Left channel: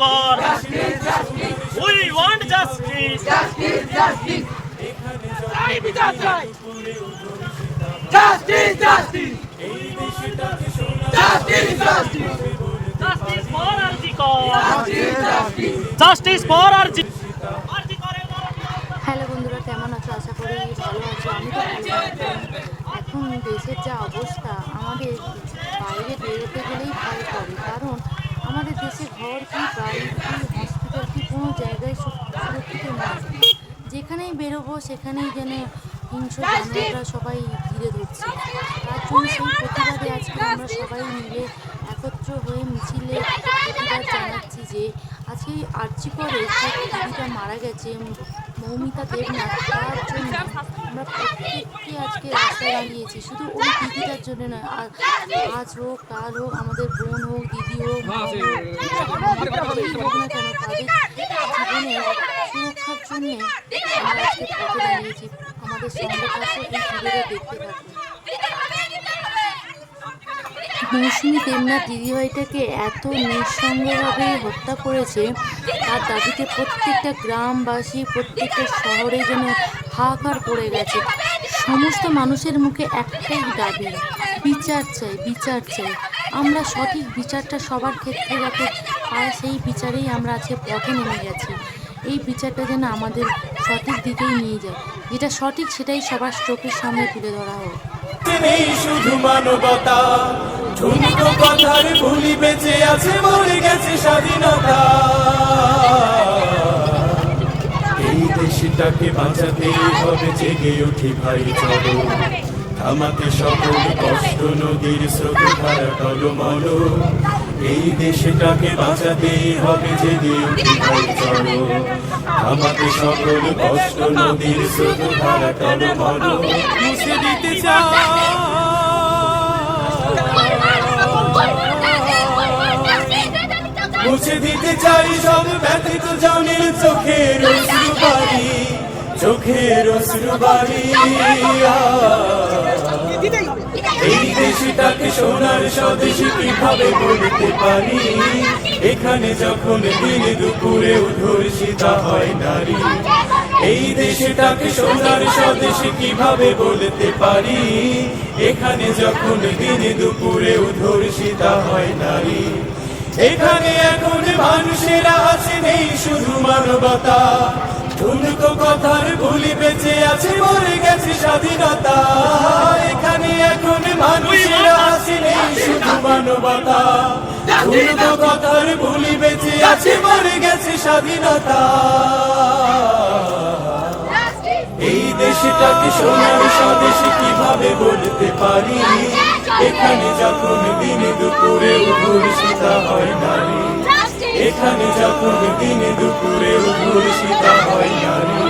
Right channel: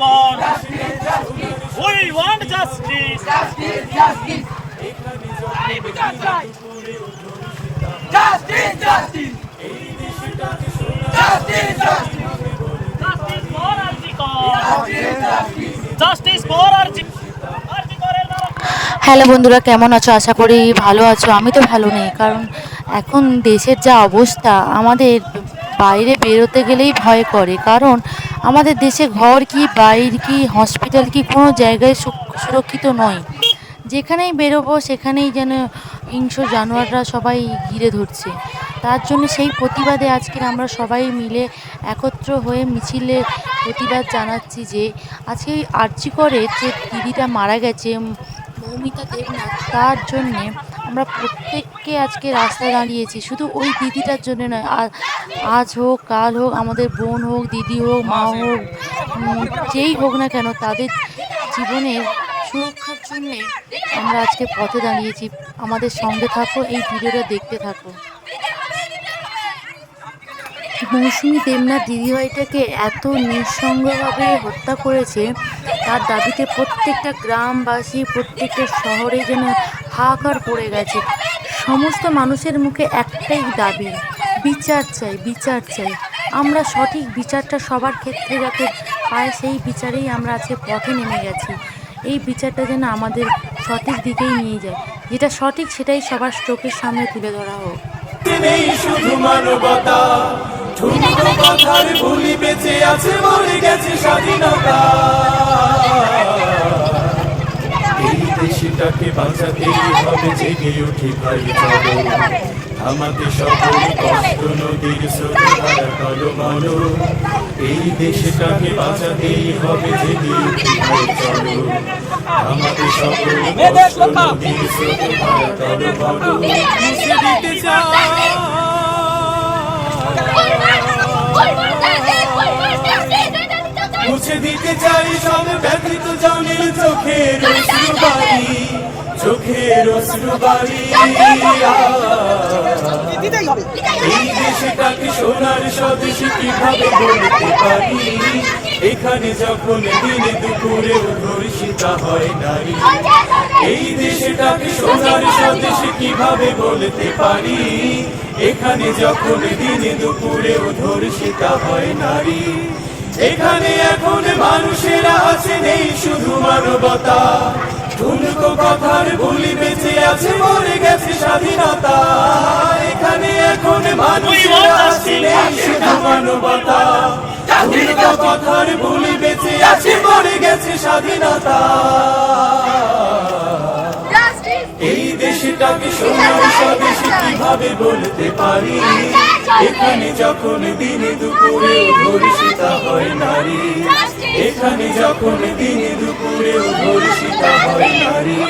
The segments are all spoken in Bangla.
RG Kar we want justice justice for RG Kar justice for hello বন্ধুরা, কেমন আছো? আশা করি ভালো আছো। আমি তো ভালো নেই, কারণ এখন দেশের যা অবস্থা, আমাদের বাইরে বেরোতে গেলেই ভয় করে। কারণ আমাদের দেশে ঘর কি, বাইর কি, হসপিটাল কি, কোনো জায়গায় সুরক্ষিত নয়। যেখানেই বেরোবো সেখানেই যেন হিংস্র জানোয়াররা সবাই ঘিরে ধরছে। তার জন্য সেই প্রতিবাদে আজকে আমরা সবাই মিলে একত্র হয়ে মিছিলে প্রতিবাদ জানাচ্ছি যে আজকে আরজি করে যে দিদিটা মারা গেছে, মৌমিতা দেবনাথ, তার জন্যে আমরা প্রত্যেককে আজকে রাস্তায় দাঁড়িয়েছি। শুধু ওই দিদিটার জন্য নয়, আজ হোক কাল হোক, আমাদের বোন হোক, দিদি হোক, মা হোক, যেই হোক না কেন, তাদের জীবনের সুরক্ষার জন্যে আমরা আজকে পথে দাঁড়িয়েছি। আমাদের সঙ্গে থাকো, এই ভিডিওটা দেখতে থাকো। মৌসুমী দেবনাথ দিদিভাইটাকে এত নৃশংসভাবে হত্যা করেছে, তার দাবিতে প্রত্যেকটা গ্রামবাসী, প্রত্যেকটা শহরে যেন হাহাকার পড়ে গেছে। সমস্ত মানুষের মুখে একটাই দাবি, বিচার চাই, বিচার চাই। আমরা সঠিক বিচারটা সবার ক্ষেত্রে যাতে পাই, সেই বিচারেই আমরা আজকে পথে নেমে গেছি। এই বিচারটা যেন আমাদের সঠিক দিকেই নিয়ে যায়, যেটা সঠিক সেটাই সবার চোখের সামনে তুলে ধরা হোক। নেই শুধু মানবতা, ঠুনকো কথার ভুলি বেঁচে আছে, মরে গেছে স্বাধীনতা। এই দেশটাকে বাঁচাতেই হবে, জেগে উঠি ভাই চলো, থামাতে সকল কষ্ট, নদীর স্রোত ধারা টলমল। এই দেশটাকে বাঁচাতেই হবে, জেগে উঠি ভাই চলো, থামাতে সকল কষ্ট, নদীর স্রোত ধারা টলমল। মুছে দিতে মুছে দিতে চাই সব ব্যথিত জনের চোখের অশ্রুবাড়ি, চোখের অশ্রুবাড়ি। এই দেশটাকে সোনার স্বদেশী কিভাবে বলতে পারি, এখানে যখন দিনে দুপুরে ধর্ষিতা হয় নারী। এই দেশটাকে সোনার স্বদেশী কিভাবে বলতে পারি, এখানে যখন দিনে দুপুরে ধর্ষিতা হয় নারী। এখানে এখন মানুষেরা আছে, নেই শুধু মানবতা, ঠুনকো কথার ভুলি বেঁচে আছে, মরে গেছে স্বাধীনতা। এখানে এখন মানুষেরা আছে, নেই শুধু মানবতা, ঠুনকো কথার ভুলি বেঁচে আছে, মরে গেছে স্বাধীনতা। এই দেশটাকে সোনার স্বদেশী কিভাবে বলতে পারি, এখানে যখন দিনে দুপুরে ধর্ষিতা হয় নারী। এখানে যখন দিনে দুপুরে ধর্ষিতা হয় নারী।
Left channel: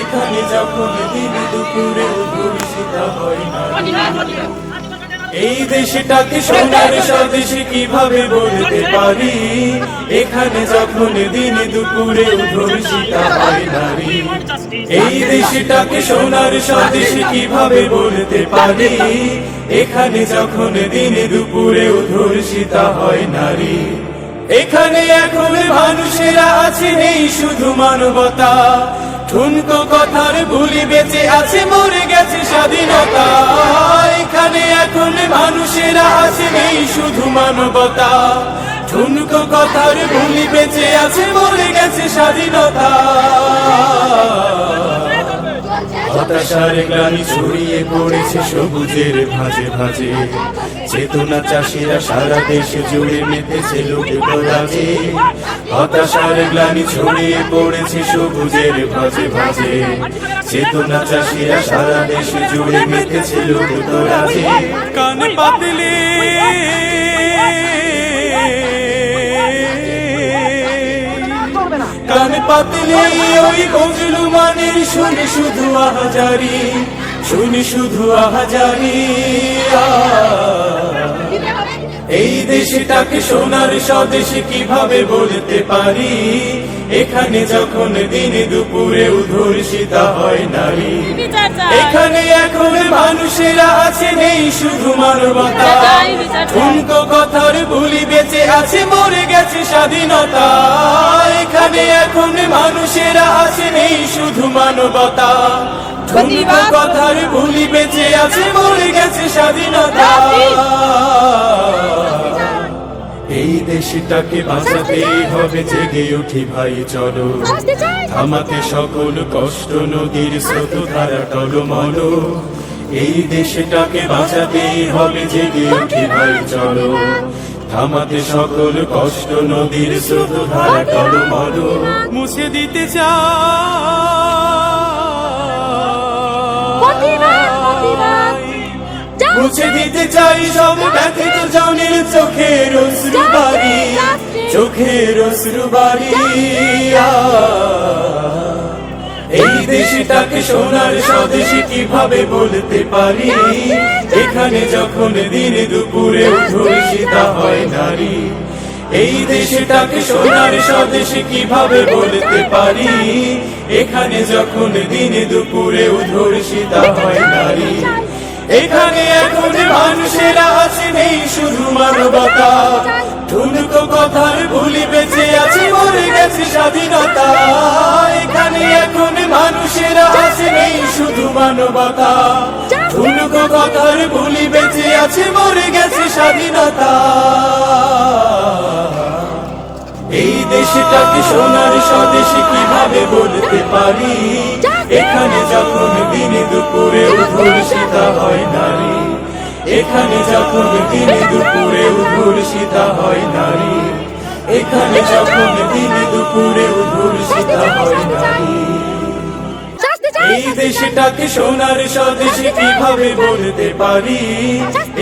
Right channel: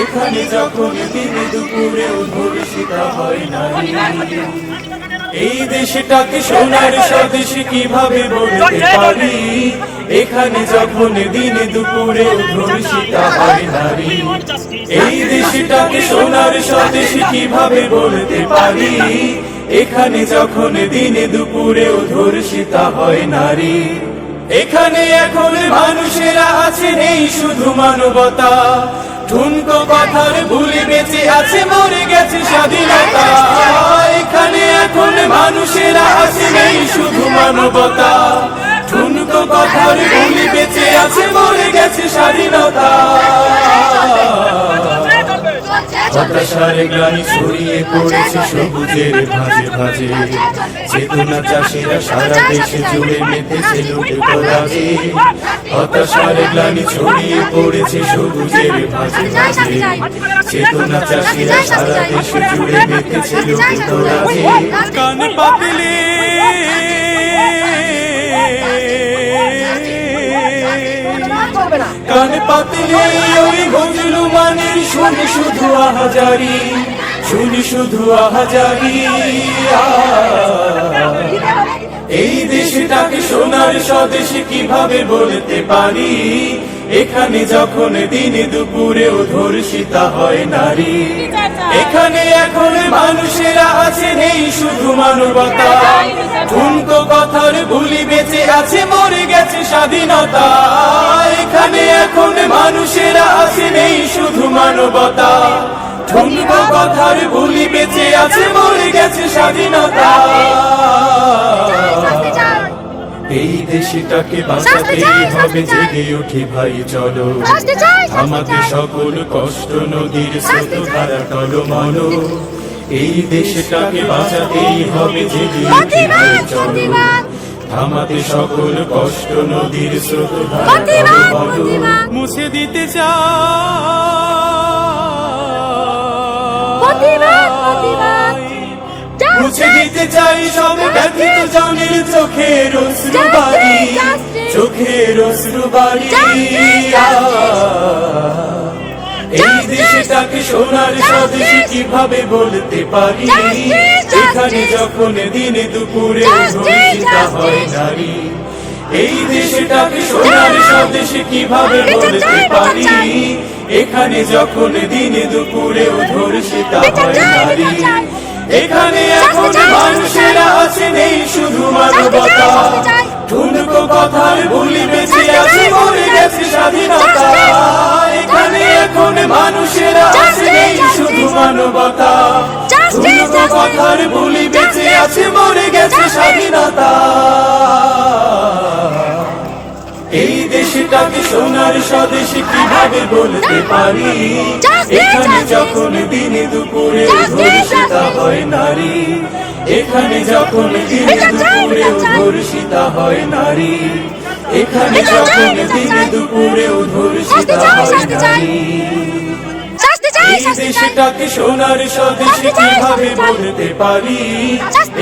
এখানে যখন দিনে দুপুরে ধর্ষিতা হয় নারী। এই দেশটাকে সোনার স্বদেশী কিভাবে বলতে পারি, এখানে যখন দিনে দুপুরে ধর্ষিতা হয় নারী। এই দেশটাকে সোনার স্বদেশী কিভাবে বলতে পারি, এখানে যখন দিনে দুপুরে ধর্ষিতা হয় নারী। এখানে এখন মানুষেরা আছে, নেই শুধু মানবতা, ঠুনকো কথার ভুলি বেঁচে আছে, মরে গেছে স্বাধীনতা। এখানে এখন মানুষেরা আছে, নেই শুধু মানবতা, ঠুনকো কথার ভুলি বেঁচে আছে, মরে গেছে স্বাধীনতা। হতাশার গ্লানি ছড়িয়ে পড়েছে সবুজের ভাজে ভাজে, চেতনা চাষিরা সারা দেশে জুড়ে মেতেছে লুটতরাজে। হতাশার গ্লানি ছড়িয়ে পড়েছে সবুজের ভাজে ভাজে, চেতনা চাষিরা সারা দেশে জুড়ে মেতেছে লুটতরাজে। কান পাতলে কান পাতলে ওই গজলু মানের শুনি শুধু আহাজারি, শুনি শুধু আহাজারি। এই দেশটাকে সোনার স্বদেশে কিভাবে বলতে পারি, এখানে যখন দিনে দুপুরে ধর্ষিতা হয় নারী। এখানে এখন মানুষেরা আছে নেই শুধু মানবতা, ঠুনকো কথার বুলি বেঁচে আছে মরে গেছে স্বাধীনতা। এখানে এখন মানুষেরা আছে নেই শুধু মানবতা, ঠুনকো কথার বুলি বেঁচে আছে মরে গেছে স্বাধীনতা। এই দেশটাকে বাঁচাতেই হবে, জেগে উঠি ভাই চলো, থামাতে সকল কষ্ট নদীর স্রোত ধারা টলমল। এই দেশটাকে বাঁচাতেই হবে, জেগে উঠি ভাই চলো, থামাতে সকল কষ্ট নদীর স্রোত ধারা টলমল। মুছে দিতে চাই, মুছে দিতে চাই সব ব্যথিত জনের চোখের অশ্রু বাড়ি, চোখের অশ্রু বাড়ি। এই দেশটাকে সোনার স্বদেশে কিভাবে বলতে পারি, এখানে যখন দিনে দুপুরে ধর্ষিতা হয় নারী। এই দেশটাকে সোনার স্বদেশে কিভাবে বলতে পারি, এখানে যখন দিনে দুপুরে ধর্ষিতা হয় নারী। এখানে এখন মানুষেরা আছে নেই শুধু মানবতা, ঠুনকো কথার বুলি বেঁচে আছে মরে গেছে স্বাধীনতা। এখানে এখন মানুষেরা আছে নেই শুধু মানবতা, ঠুনকো কথার বুলি বেঁচে আছে মরে গেছে স্বাধীনতা। এই দেশটাকে সোনার স্বদেশে কিভাবে বলতে পারি, এখানে যখন দিনে দুপুরে ধর্ষিতা হয় নারী। এখানে যখন দিনে দুপুরে ধর্ষিতা হয় নারী। এখানে যখন দিনে দুপুরে ধর্ষিতা হয় নারী। এই দেশটাকে সোনার স্বদেশে কিভাবে বলতে পারি,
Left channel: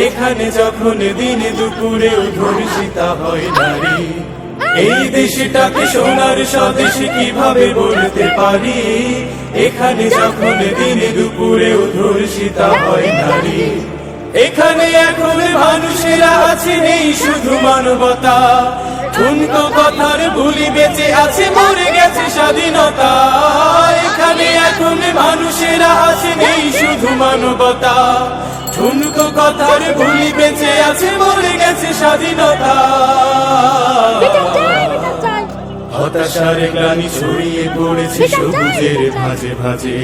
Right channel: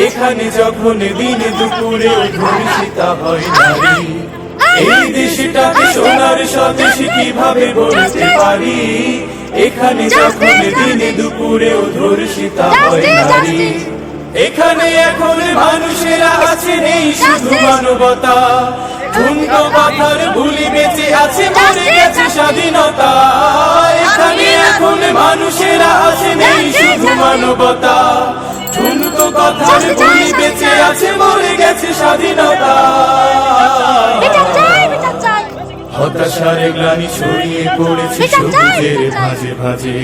এখানে যখন দিনে দুপুরে ধর্ষিতা হয় নারী। এই দেশটাকে সোনার স্বদেশে কিভাবে বলতে পারি, এখানে যখন দিনে দুপুরে ধর্ষিতা হয় নারী। এখানে এখন মানুষেরা আছে নেই শুধু মানবতা, ঠুনকো কথার বুলি বেঁচে আছে মরে গেছে স্বাধীনতা। এখানে এখন মানুষেরা আছে নেই শুধু মানবতা, ঠুনকো কথার বুলি বেঁচে আছে মরে গেছে স্বাধীনতা। হতাশার গ্লানি ছড়িয়ে পড়েছে সবুজের ভাঁজে ভাঁজে।